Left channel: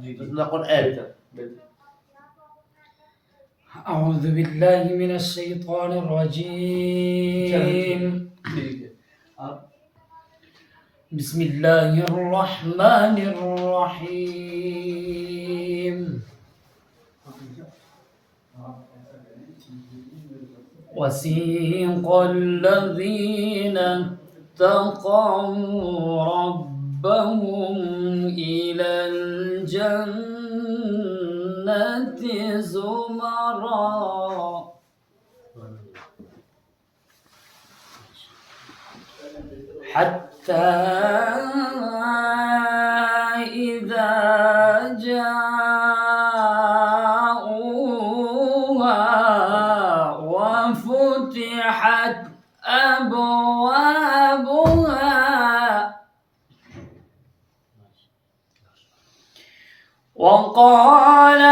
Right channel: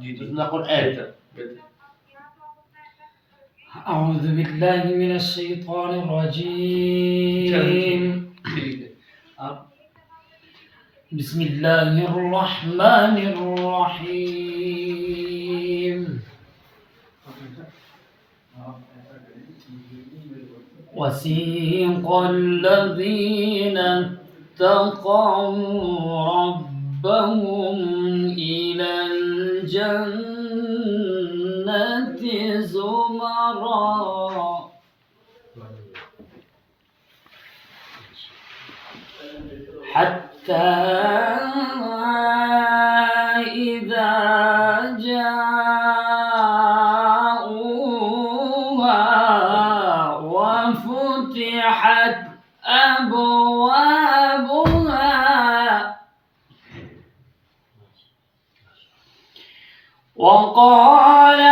نقول آية. أعوذ بالله من الشيطان الرجيم. بسم الله الرحمن الرحيم. وسيق الذين اتقوا ربهم إلى الجنة زمرا حتى إذا جاءوها وفتحت أبوابها وقال